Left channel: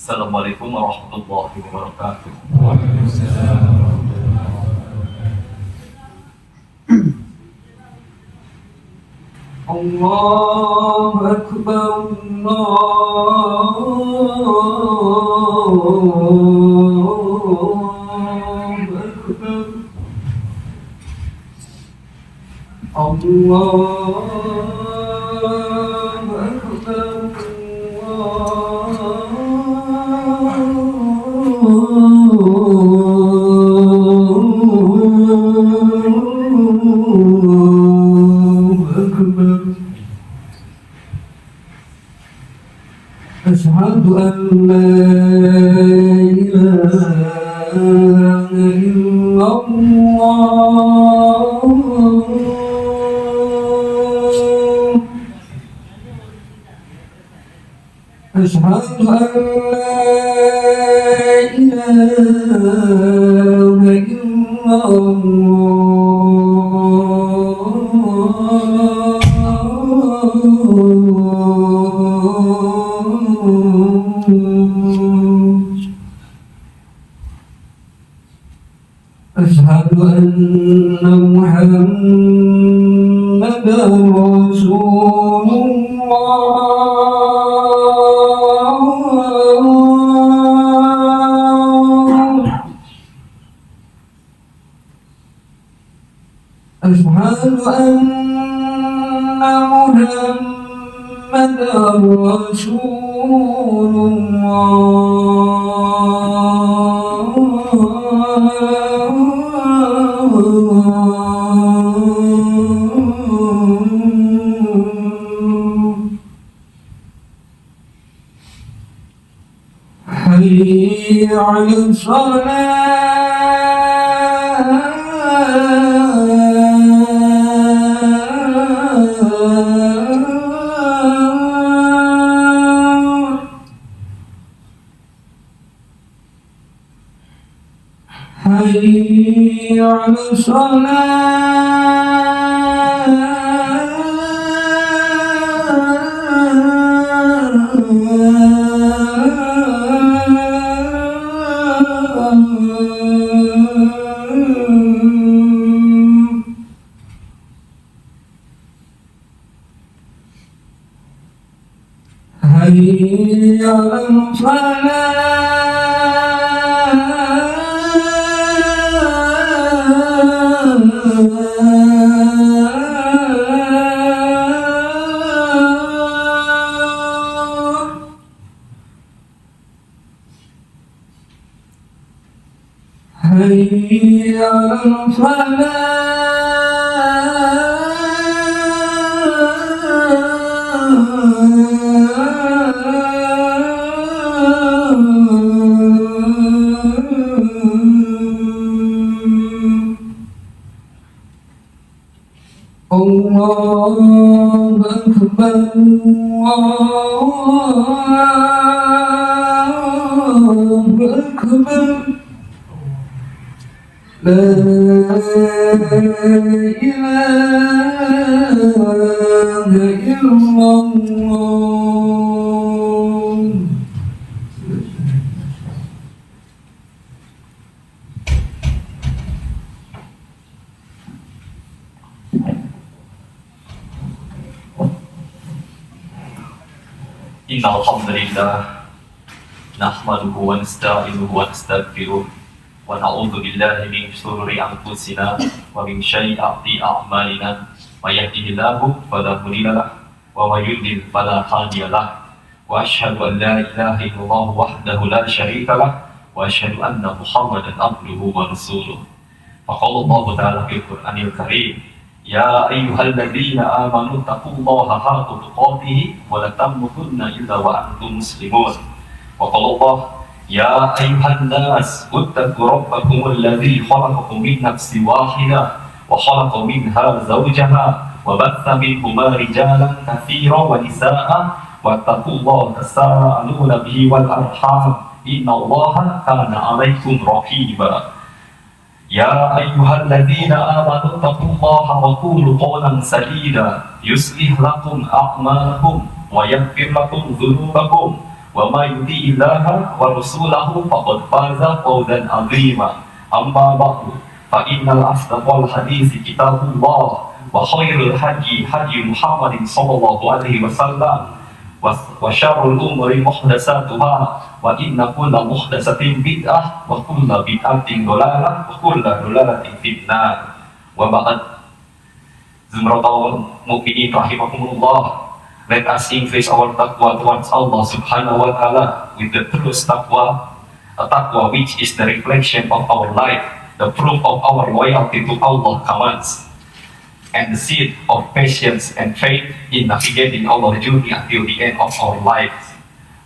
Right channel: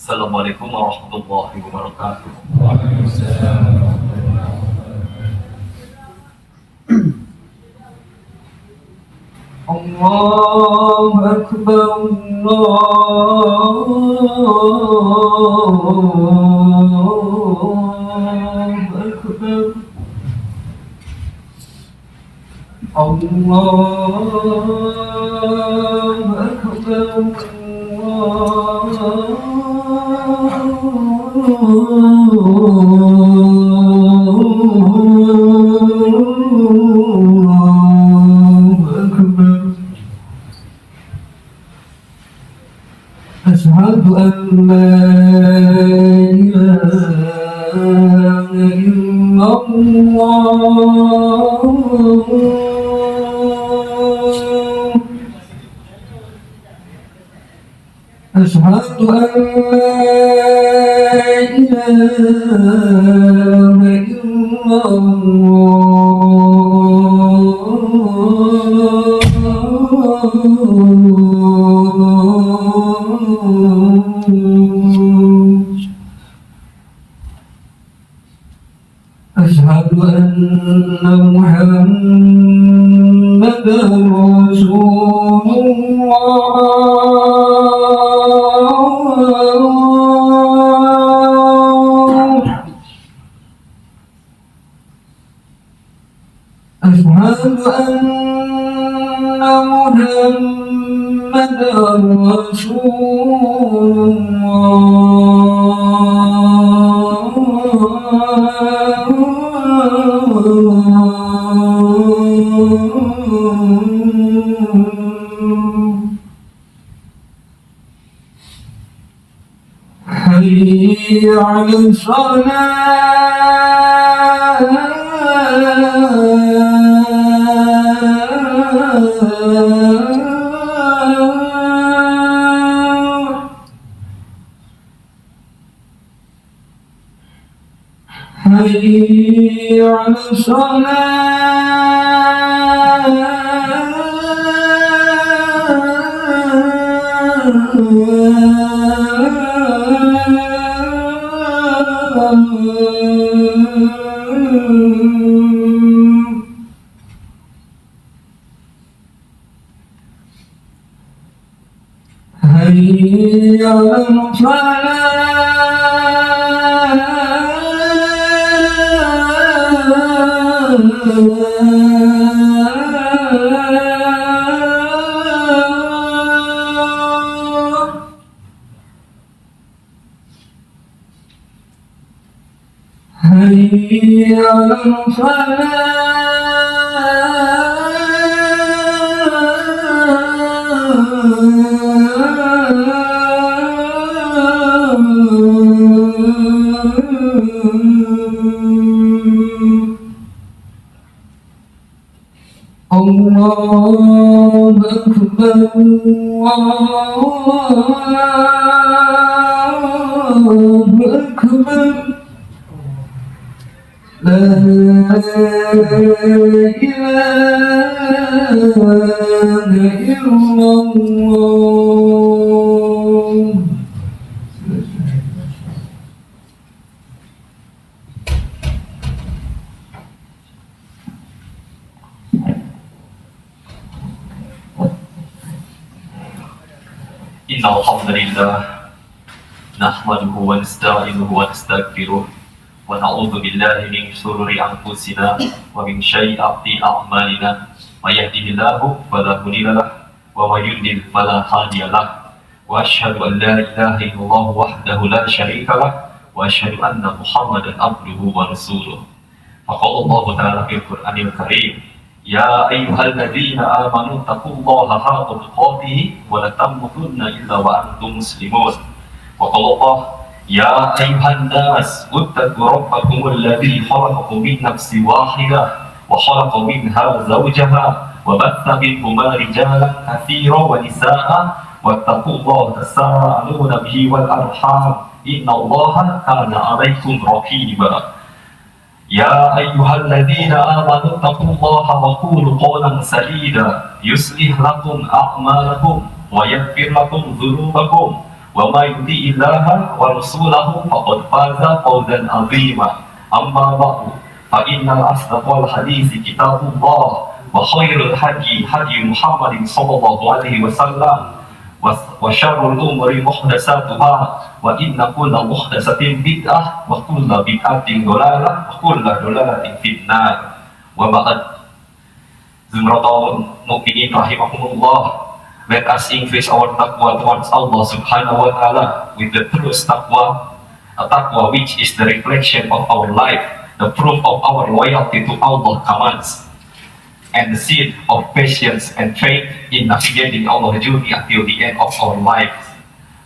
Assalamualaikum warahmatullahi wabarakatuh. Allahu Akbar, Allahu Akbar. أشهد أن لا إله إلا الله أشهد أن لا إله إلا أشهد أن محمدا رسول الله أشهد أن محمدا رسول حي على الصلاة حي على الصلاة حي على الفلاح حي على الفلاح الله أكبر الله أكبر لا إله إلا الله إن الحمد لله نحمده ونستعينه ونستغفره ونعوذ بالله من شرور أنفسنا ومن سيئات أعمالنا من يهده الله فلا مضل له ومن يضلل فلا هادي له وأشهد أن لا إله إلا الله وحده لا شريك له وأشهد أن محمدا عبده ورسوله فقال الله تعالى في القرآن الكريم يا أيها الذين آمنوا اتقوا الله حق تقاته ولا تموتن إلا وأنتم مسلمون وقال الله يا أيها الناس اتقوا ربكم الذي خلقكم من نفس واحدة وخلق منها زوجها وبث منهما رجالا كثيرا ونساء واتقوا الله تساءلون به والأرحام إن الله كان عليكم رقيبا يا أيها الذين آمنوا اتقوا الله وقولوا قولا سديدا يصلح لكم أعمالكم ويغفر لكم ذنوبكم وما يطيع الله ورسوله فقد فاز فوزا عظيما أما بعد فإن أصدق الحديث كتاب الله وخير الهدي هدي محمد صلى الله عليه وسلم وشر الأمور محدثاتها وإن كل محدثة بدعة وكل بدعة ضلالة وكل ضلالة في النار وبعد Zumratul Mu'minin rahimahumullah, let us increase our taqwa towards Allah subhanahu wa ta'ala with the true taqwa, a taqwa which is the reflection of our life, the proof of our loyalty to Allah's commands, and the seed of patience and faith in navigating our journey until the end of our lives.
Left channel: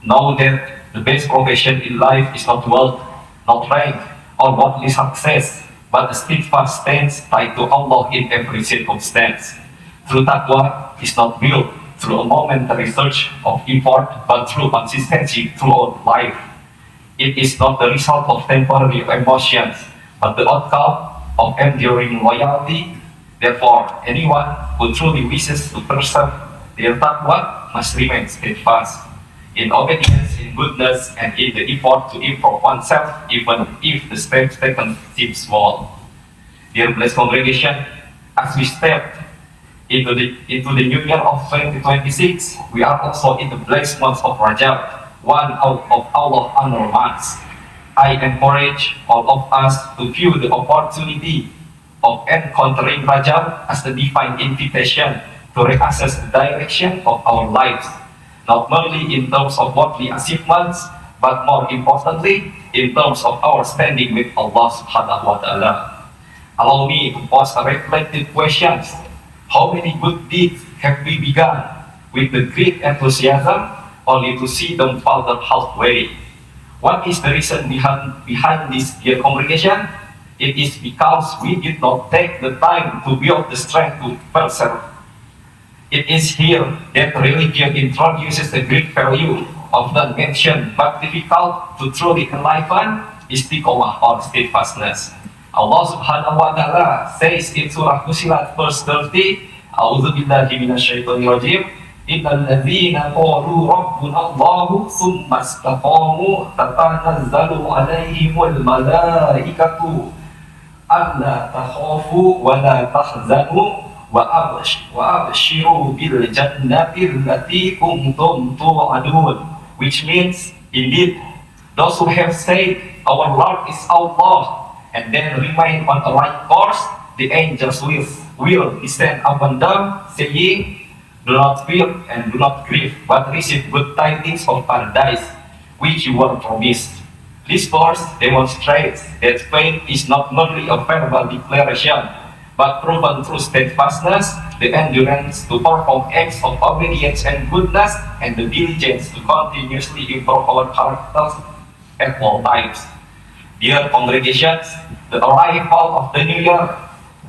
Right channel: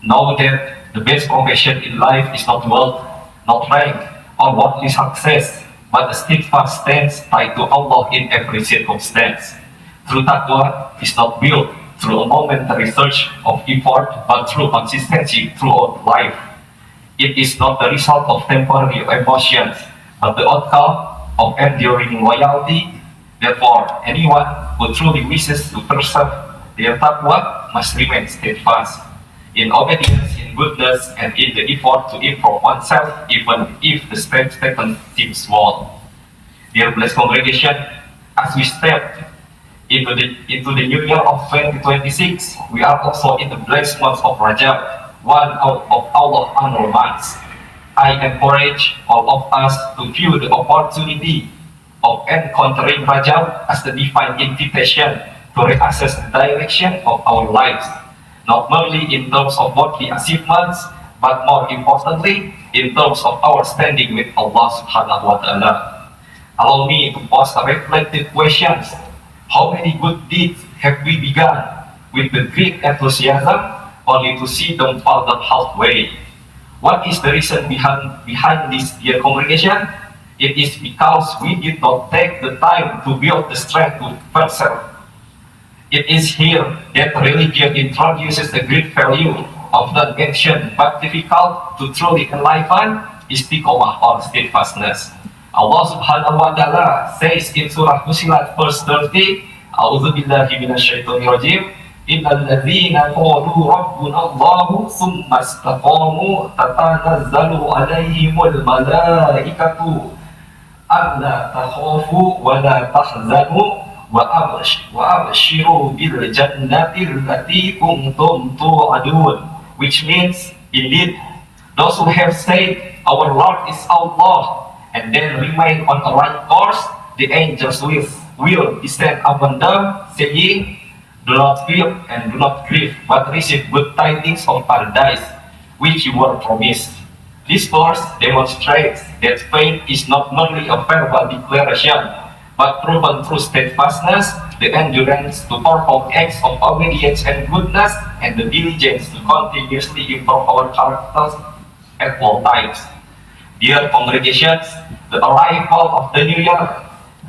Know that the best profession in life is not wealth, not rank, or worldly success, but the steadfast stance tied to Allah in every circumstance. True taqwa is not built through a momentary surge of effort, but through consistency throughout life. It is not the result of temporary emotions, but the outcome of enduring loyalty. Therefore, anyone who truly wishes to preserve their taqwa must remain steadfast in obedience, in goodness, and in the effort to improve oneself, even if the steps taken seem small. Dear blessed congregation, as we step into the new year of 2026, we are also in the blessed month of Rajab, one out of Allah's annual months. I encourage all of us to view the opportunity of encountering Rajab as the divine invitation to reassess the direction of our lives, not merely in terms of worldly achievements, but more importantly, in terms of our standing with Allah subhanahu wa ta'ala. Allow me to pose a reflective question. How many good deeds have we begun with the great enthusiasm, only to see them falter halfway? What is the reason behind this, dear congregation? It is because we did not take the time to build the strength to persevere. It is here that religion introduces the great value of the mentioned but difficult to truly enliven istiqomah or steadfastness. Allah subhanahu wa ta'ala says in Surah Fussilat verse 30, A'udzu billahi minasyaitonir rajim, Innal ladzina qalu rabbuna Allahu tsumma istaqamu tatanazzalu 'alaihimul malaikatu alla takhafu wa la tahzanu wa abshiru bil jannati allati kuntum tu'adun, which means, indeed, those who have said our Lord is Allah and then remain on the right course, the angels will descend upon them, saying, do not fear and do not grieve, but receive good tidings of paradise, which you were promised. This verse demonstrates that faith is not merely a verbal declaration, but proven through steadfastness, the endurance to perform acts of obedience and goodness, and the diligence to continuously improve our characters at all times. Dear congregations, the arrival of the new year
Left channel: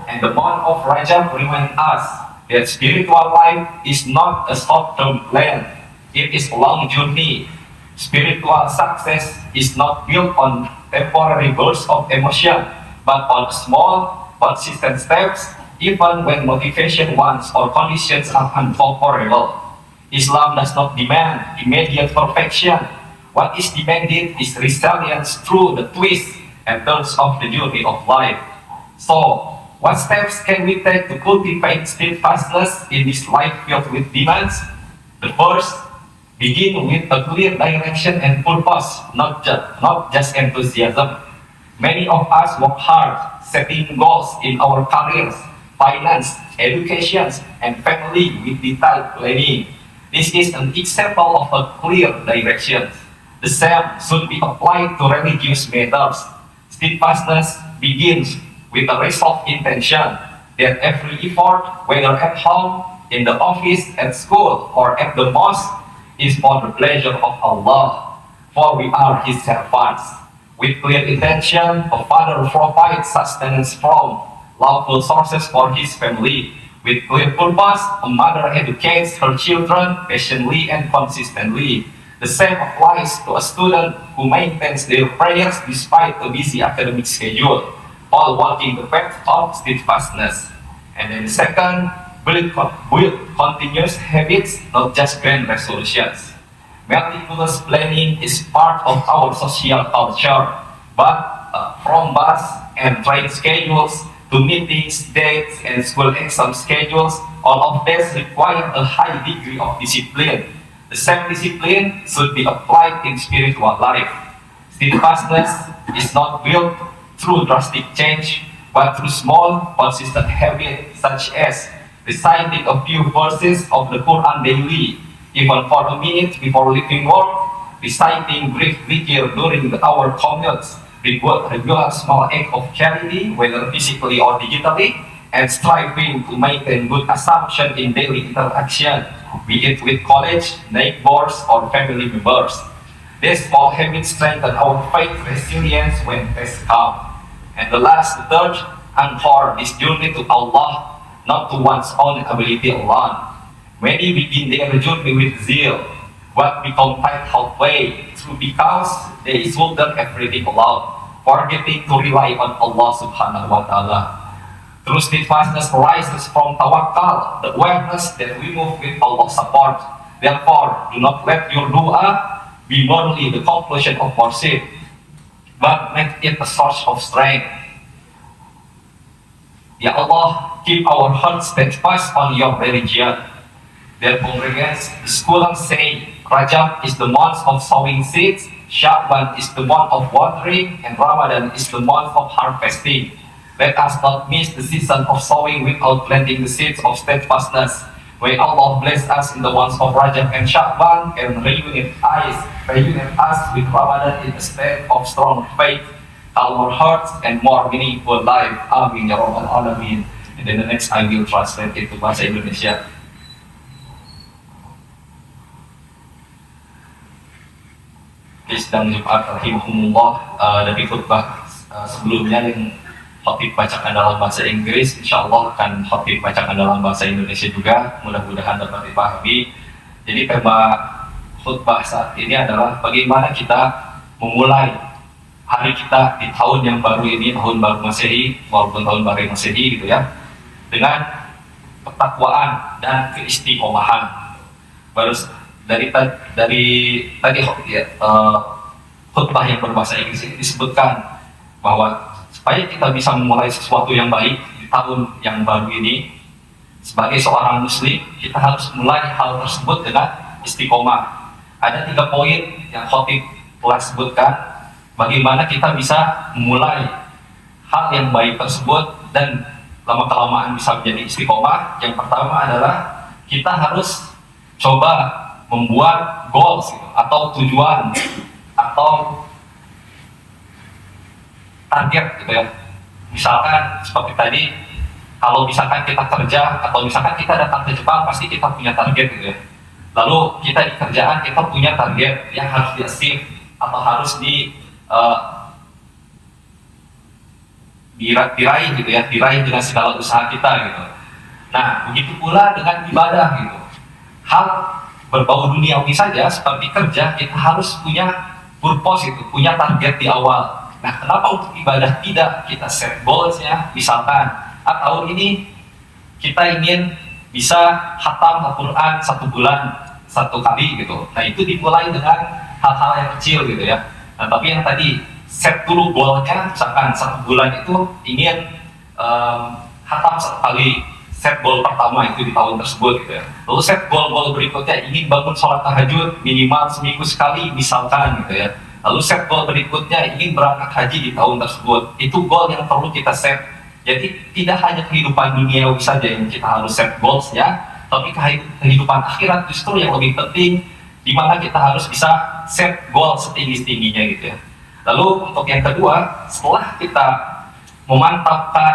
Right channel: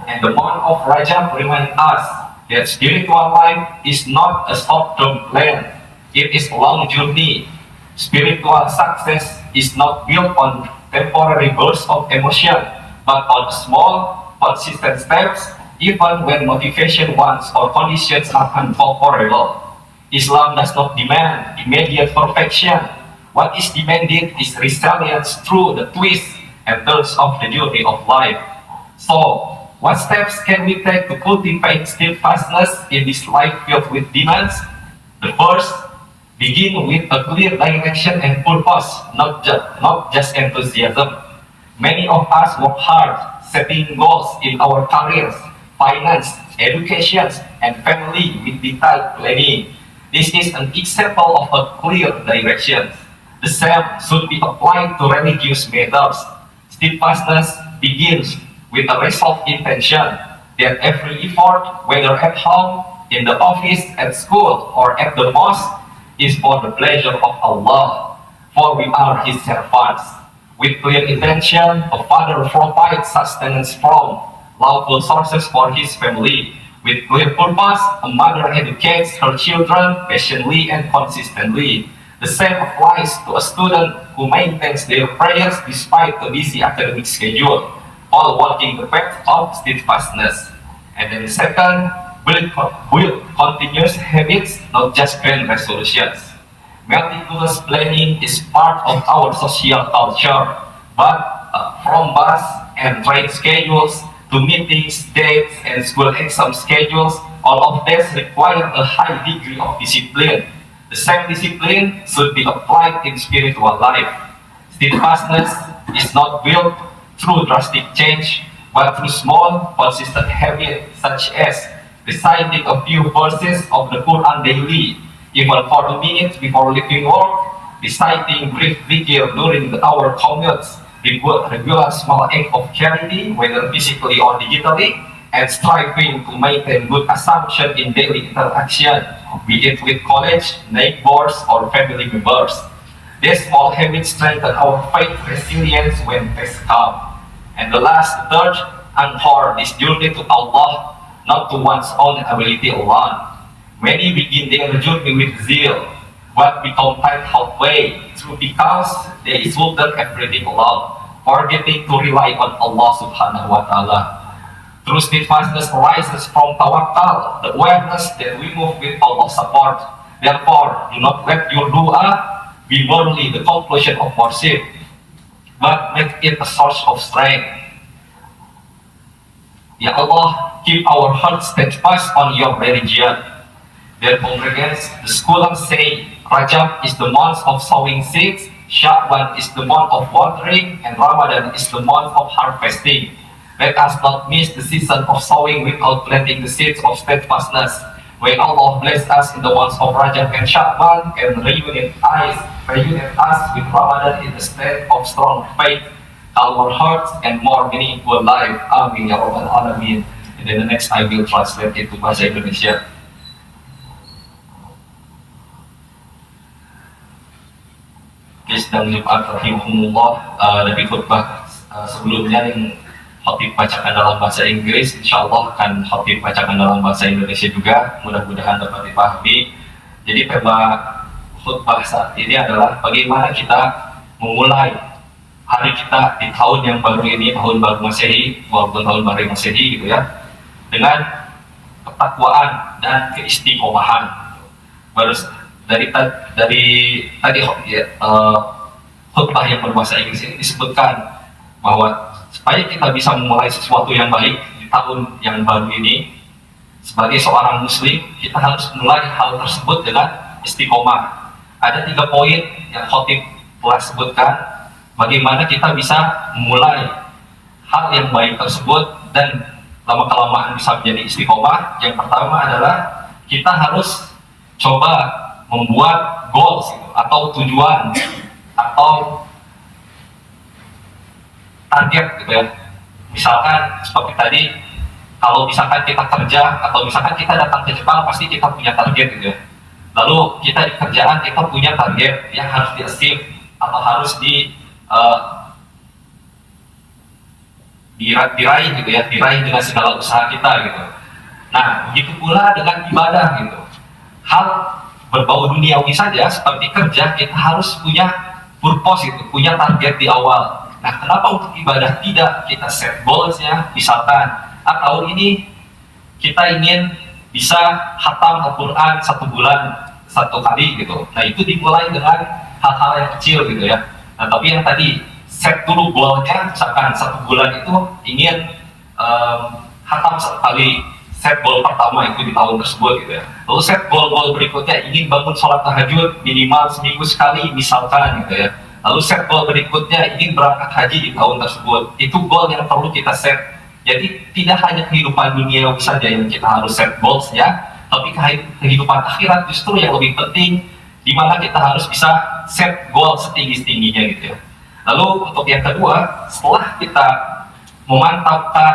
and the month of Rajab remind us that spiritual life is not a short-term plan, it is a long journey. Spiritual success is not built on temporary bursts of emotion, but on small, consistent steps, even when motivation wants or conditions are unfavorable. Islam does not demand immediate perfection. What is demanded is resilience through the twists and turns of the journey of life. So, what steps can we take to cultivate steadfastness in this life filled with demands? The first, begin with a clear direction and purpose, not just enthusiasm. Many of us work hard, setting goals in our careers, finance, education, and family with detailed planning. This is an example of a clear direction. The same should be applied to religious matters. Steadfastness begins with a resolved intention that every effort, whether at home, in the office, at school, or at the mosque, is for the pleasure of Allah, for we are His servants. With clear intention, a father provides sustenance from lawful sources for his family. With clear purpose, a mother educates her children patiently and consistently. The same applies to a student who maintains their prayers despite a busy academic schedule, all walking the path of steadfastness. And then the second, build continuous habits, not just grand resolutions. Meticulous planning is part of our social culture, but from bus and train schedules to meetings, dates, and school exam schedules, all of this require a high degree of discipline. The same discipline should be applied in spiritual life. Steadfastness is not built through drastic change, but through small, consistent habits such as reciting a few verses of the Quran daily, even for a minute before leaving work, reciting brief dhikr during our commutes, regular small act of charity, whether physically or digitally, and striving to maintain good assumption in daily interaction, be it with college, neighbors, or family members. These small habits strengthen our faith resilience when tests come. And the third, anchor this journey to Allah, not to one's own ability alone. Many begin their journey with zeal, but become tight halfway through because they shoulder everything alone, forgetting to rely on Allah subhanahu wa ta'ala. True steadfastness arises from tawakkal, the awareness that we move with Allah's support. Therefore, do not let your dua be merely the conclusion of worship, but make it a source of strength. Ya Allah, keep our hearts steadfast on your religion. Their congregants, the scholars say, Rajab is the month of sowing seeds, Sha'ban is the month of watering, and Ramadan is the month of harvesting. Let us not miss the season of sowing without planting the seeds of steadfastness. May Allah bless us in the months of Rajab and Sha'ban and reunite us with Ramadan in a state of strong faith, calmer hearts, and more meaningful life. Amin ya Rabbal Alamin. And then the next I will translate it to bahasa Indonesia. Sedang Jumat rahimahumullah, dari khutbah sebelumnya yang Khatib bacakan dalam bahasa Inggris, insya Allah akan Khatib bacakan dalam bahasa Indonesia juga, mudah-mudahan dapat dipahami. Jadi tema khutbah saat ini adalah bagaimana kita memulai hari kita di tahun yang baru ini, tahun baru Masehi maupun tahun baru Masehi gitu ya, dengan ketakwaan dan keistiqomahan. Baru dari tadi ya, khutbah yang berbahasa Inggris ini disebutkan bahwa supaya kita bisa memulai sesuatu yang baik di tahun yang baru ini, sebagai seorang muslim kita harus mulai hal tersebut dengan istiqomah. Ada 3 poin yang Khatib telah sebutkan bagaimana kita bisa memulai hal yang baik tersebut dan lama-kelamaan bisa menjadi istiqomah. Yang pertama adalah kita harus coba membuat goals gitu, atau tujuan atau target gitu ya. Misalkan seperti tadi, kalau misalkan kita kerja atau misalkan kita datang ke Jepang, pasti kita punya target gitu ya. Lalu kita di kerjaan kita punya target yang harus di-achieve atau harus diraih gitu ya, diraih dengan segala usaha kita gitu. Nah, begitu pula dengan ibadah gitu. Hal berbau duniawi saja seperti kerja, kita harus punya purpose itu, punya target di awal. Nah, kenapa untuk ibadah tidak kita set goalsnya? Misalkan, tahun ini kita ingin bisa khatam Al-Quran 1 bulan 1 kali gitu. Nah, itu dimulai dengan hal-hal yang kecil gitu ya. Nah, tapi yang tadi set dulu goalnya, misalkan 1 bulan itu ingin khatam 1 kali. Set goal pertama itu di tahun tersebut gitu ya. Lalu set goal berikutnya ingin bangun sholat tahajud minimal seminggu sekali misalkan gitu ya. Lalu set goal berikutnya ingin berangkat haji di tahun tersebut. Itu goal yang perlu kita set. Jadi tidak hanya kehidupan duniawi saja yang kita harus set goals ya, tapi kehidupan akhirat justru yang lebih penting, di mana kita harus bisa set goal setinggi-tingginya gitu ya. Lalu untuk yang kedua, setelah kita menetapkan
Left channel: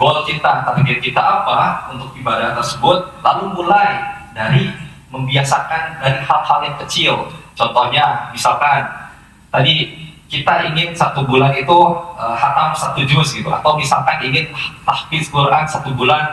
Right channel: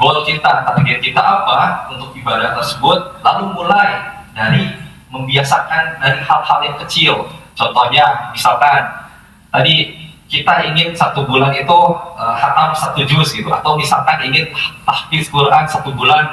goal kita, target kita apa untuk ibadah tersebut, lalu mulai dari membiasakan dari hal-hal yang kecil. Contohnya, misalkan tadi kita ingin 1 bulan itu khatam 1 juz gitu, atau misalkan ingin tahfiz Quran 1 bulan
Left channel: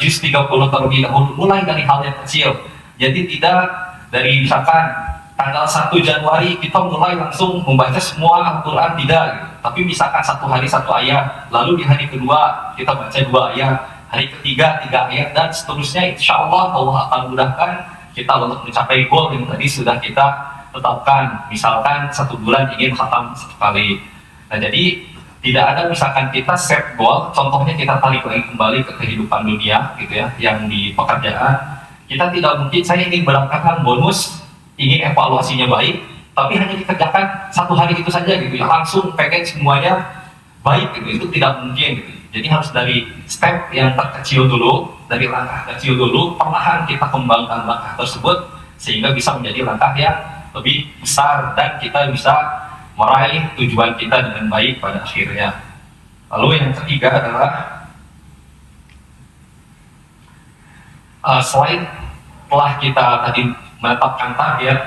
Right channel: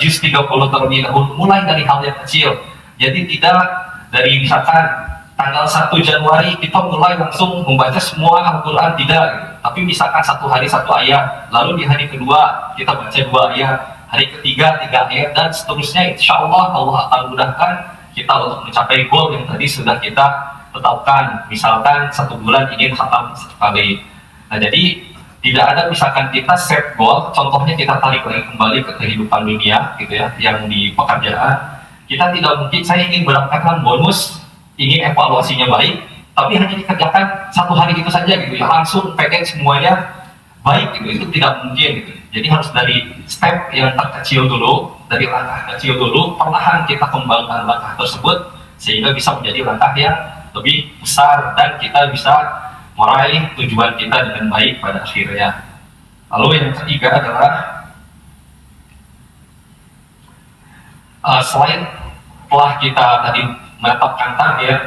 juz 30 terlebih dahulu. Mulai dari hal yang kecil. Jadi tidak dari misalkan tanggal 1 Januari kita mulai langsung membaca semua Al-Quran, tidak gitu. Tapi misalkan 1 hari 1 ayat, lalu di hari kedua kita baca 2 ayat, hari ketiga 3 ayat, dan seterusnya. Insya Allah Allah akan mudahkan kita untuk mencapai goal yang tadi sudah kita tetapkan. Misalkan 1 bulan ingin khatam 1 kali. Nah, jadi tidak ada misalkan kita set goal, contohnya kita tarik lagi kembali ke kehidupan dunia gitu ya, yang di pekerjaan. Kita tidak mungkin saya ingin mendapatkan bonus, ingin evaluasinya baik, tapi hanya dikerjakan 1 hari itu saja gitu ya, langsung pengen semuanya baik gitu, itu tidak mungkin gitu. Jadi harus dari step yang terkecil dulu, dari langkah kecil dulu, perlahan kita kembangkan langkah tersebut sehingga bisa menjadi langkah yang lebih besar dan kita bisa meraih tujuan kita dengan baik pada akhirnya. Lalu yang ketiga adalah selain telah kita tadi menetapkan target,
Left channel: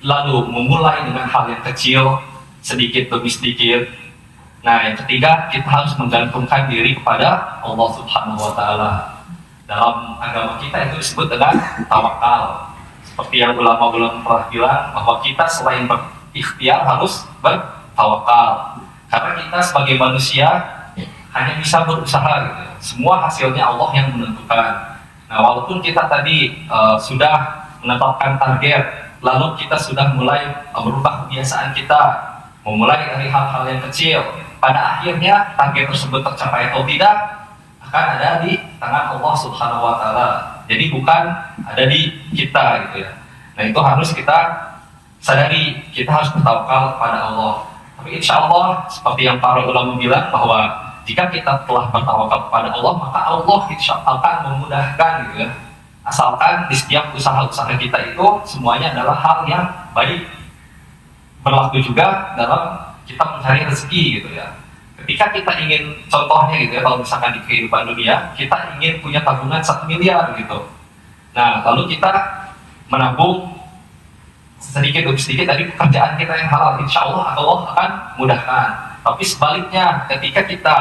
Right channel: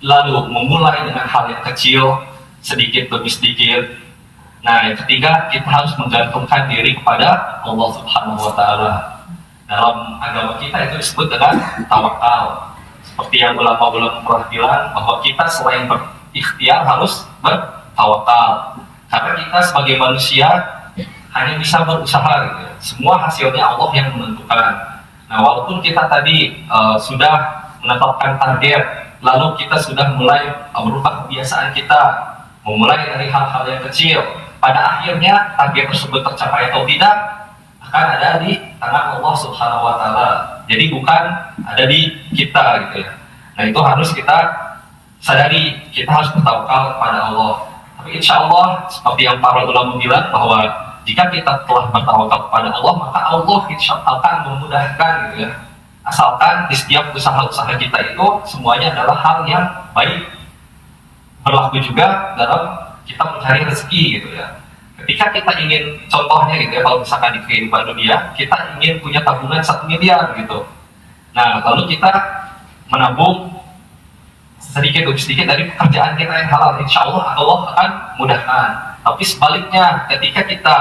lalu memulai dengan hal yang kecil, sedikit demi sedikit. Nah, yang ketiga, kita harus menggantungkan diri kepada Allah Subhanahu wa Ta'ala. Dalam agama kita itu disebut dengan tawakal. Seperti yang ulama-ulama telah bilang, bahwa kita selain berikhtiar harus bertawakal. Karena kita sebagai manusia hanya bisa berusaha gitu. Semua hasilnya Allah yang menentukan. Nah, walaupun kita tadi sudah menetapkan target, lalu kita sudah mulai merubah kebiasaan kita, memulai dari hal-hal yang kecil, pada akhirnya target tersebut tercapai atau tidak akan ada di tangan Allah Subhanahu wa Ta'ala. Jadi bukan ada di kita gitu ya. Nah, itu harus kita sadari, kita harus bertawakal kepada Allah. Tapi insya Allah seperti yang para ulama bilang, bahwa jika kita telah bertawakal kepada Allah, maka Allah insya Allah akan memudahkan gitu ya. Asalkan di setiap usaha-usaha kita itu semuanya adalah hal yang baik. Berlaku juga dalam kita mencari rezeki gitu ya. Ketika kita ingin, contohnya gitu ya, kalau misalkan di kehidupan dunia, kita ingin punya tabungan 1 miliar gitu. Nah, lalu kita menabung sedikit demi sedikit dari pekerjaan kita yang halal, insya Allah Allah akan mudahkan. Tapi sebaliknya, ketika kita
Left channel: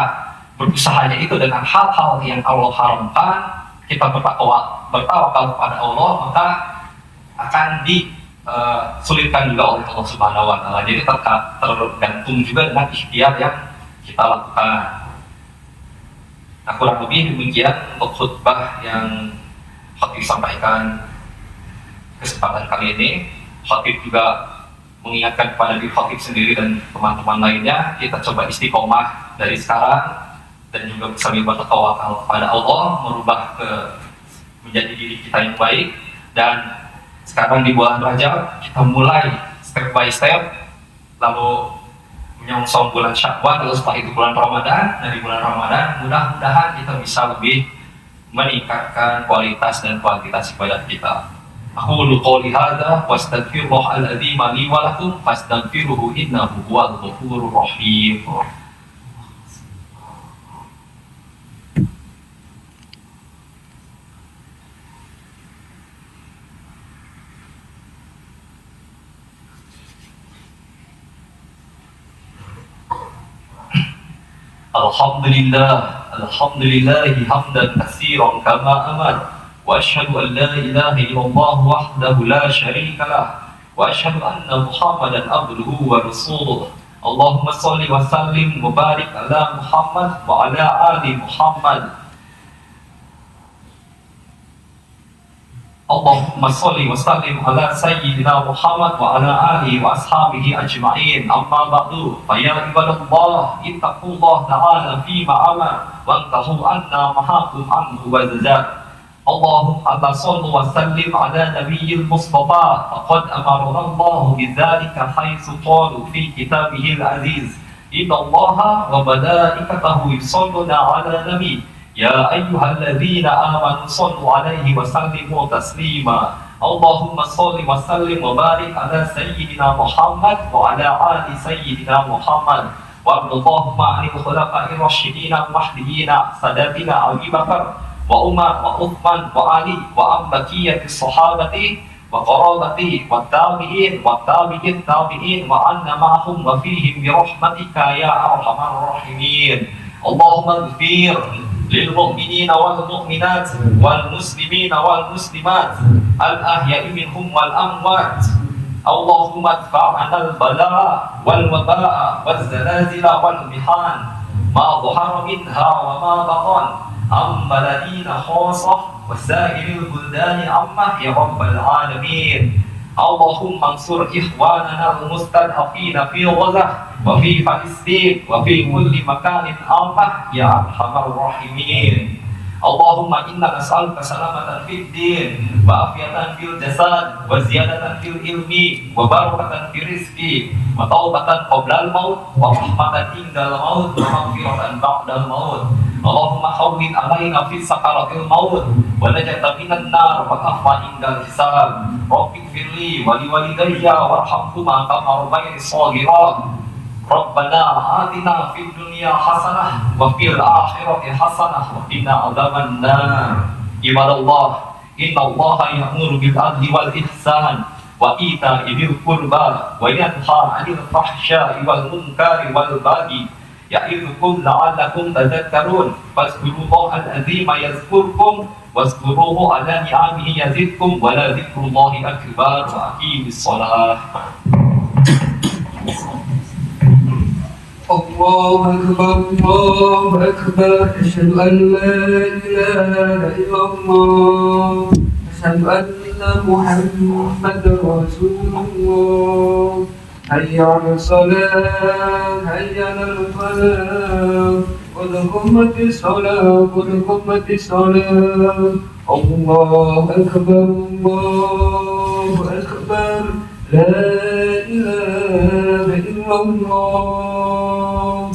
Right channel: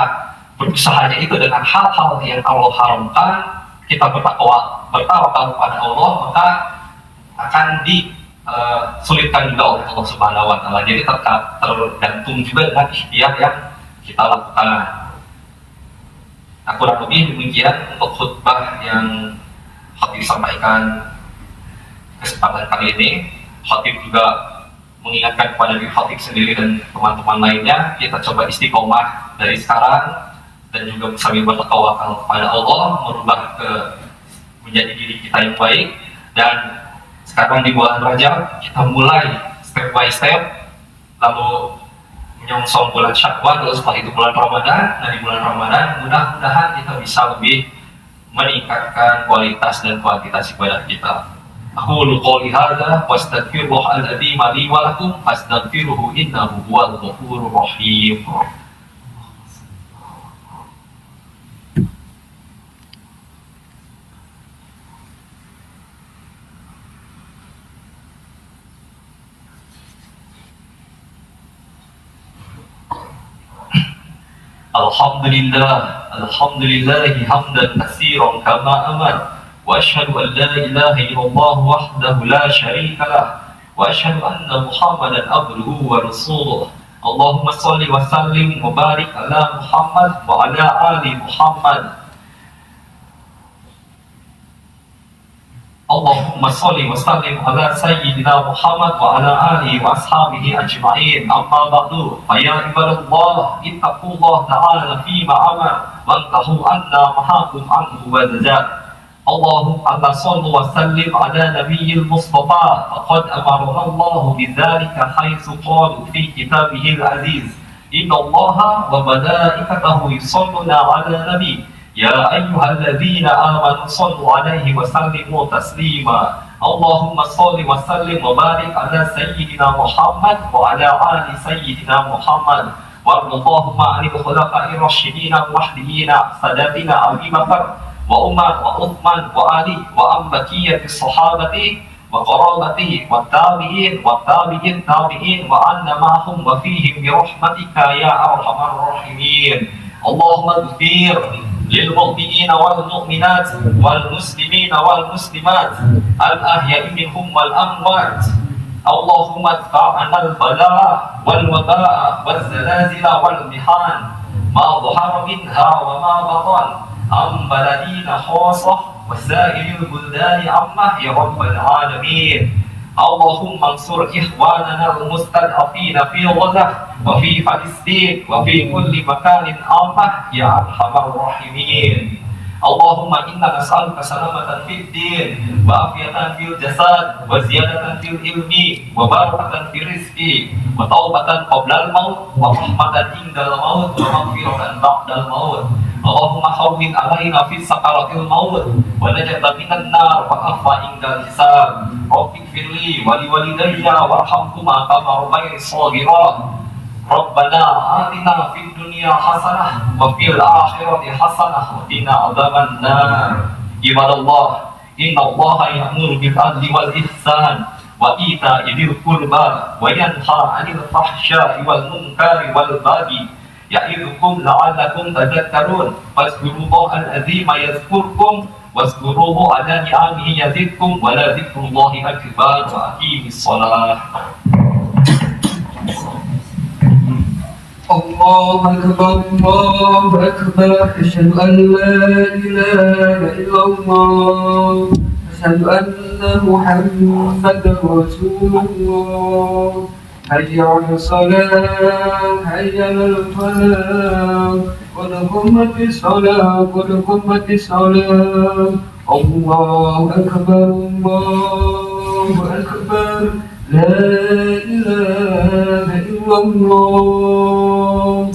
berusahanya itu dengan hal-hal yang Allah haramkan, kita bertawakal kepada Allah, maka akan disulitkan juga oleh Allah Subhanahu wa Ta'ala. Jadi tergantung juga dengan ikhtiar yang kita lakukan. Nah, kurang lebih demikian untuk khutbah yang khatib sampaikan kesempatan kali ini. Khatib juga mengingatkan kepada diri khatib sendiri dan teman-teman lainnya, kita coba istiqomah dari sekarang dan juga sambil bertawakal kepada Allah, merubah menjadi diri kita yang baik. Dan sekarang di bulan Rajab kita mulai step by step, lalu menyongsong bulan Syawal, lalu setelah itu bulan Ramadan. Nah, di bulan Ramadan mudah-mudahan kita bisa lebih meningkatkan kualitas dan kuantitas ibadah kita. Aqulu qouli hadza wa astaghfirullahal adzim li wa lakum fastaghfiruhu innahu huwal ghafurur rahim. Alhamdulillahi hamdan katsiran kama amar, wa asyhadu an la ilaha illallah wahdahu la syarika lah, wa asyhadu anna Muhammadan abduhu wa rasuluh. Allahumma shalli wa sallim wa barik ala Muhammad wa ala ali Muhammad. Allahumma sholli wa sallim ala sayyidina Muhammad wa ala alihi wa ashabihi ajma'in. Amma ba'du, fa ya ibadallah, ittaqullah ta'ala fi ma'ama wa antahu anna mahakum anhu wa zajat. Allahumma salli wa sallim ala nabiyyil mustafa, faqad amarana Allah bidzalika haitsu qala fi kitabihil aziz, inna Allaha wa malaikatahu yusalluna ala nabi. Ya ayyuhalladzina amanu sallu alaihi wa sallimu taslima. Allahumma salli wa sallim wa barik ala sayyidina Muhammad wa ala ali sayyidina Muhammad. Wa Allahumma anil khulafa'ir rasyidin al-mahdiyyin sadatina Abu Bakar wa Umar wa Uthman wa Ali wa ambaqiyyatis sahabati wa qarabati wa tabi'in wa tabi'in tabi'in wa anna ma'hum wa fihim bi rahmatika ya arhamar rahimin. Allahumma ighfir للمؤمنين والمؤمنات والمسلمين والمسلمات الأحياء منهم والأموات. اللهم ادفع عنا البلاء والوباء والزلازل والمحن ما ظهر منها وما بطن عن بلدنا خاصة وسائر البلدان عامة يا رب العالمين. اللهم انصر إخواننا المستضعفين في غزة وفي فلسطين وفي كل مكان عامة يا أرحم الراحمين. اللهم إنا نسألك سلامة في الدين وعافية في الجسد وزيادة في العلم وبركة في الرزق وتوبة قبل الموت ورحمة عند الموت ومغفرة بعد الموت. اللهم هون علينا في سكرات الموت ونجاة من النار وعفو عند الحساب. رب اغفر لي ولوالدي وارحمهما كما ربياني صغيرا. ربنا آتنا في الدنيا حسنة وفي الآخرة حسنة وقنا عذاب النار. عباد الله إن الله يأمر بالعدل والإحسان وإيتاء ذي القربى وينهى عن الفحشاء والمنكر والبغي يعظكم لعلكم تذكرون. فاذكروا الله العظيم يذكركم واذكروه على نعمه يزدكم ولذكر الله أكبر. وأقيموا الصلاة. الله أكبر الله أكبر أشهد أن لا إله إلا الله أشهد أن محمدا رسول الله. حي على الصلاة حي على الفلاح قد قامت الصلاة قد قامت الصلاة. الله أكبر الله أكبر لا إله إلا الله.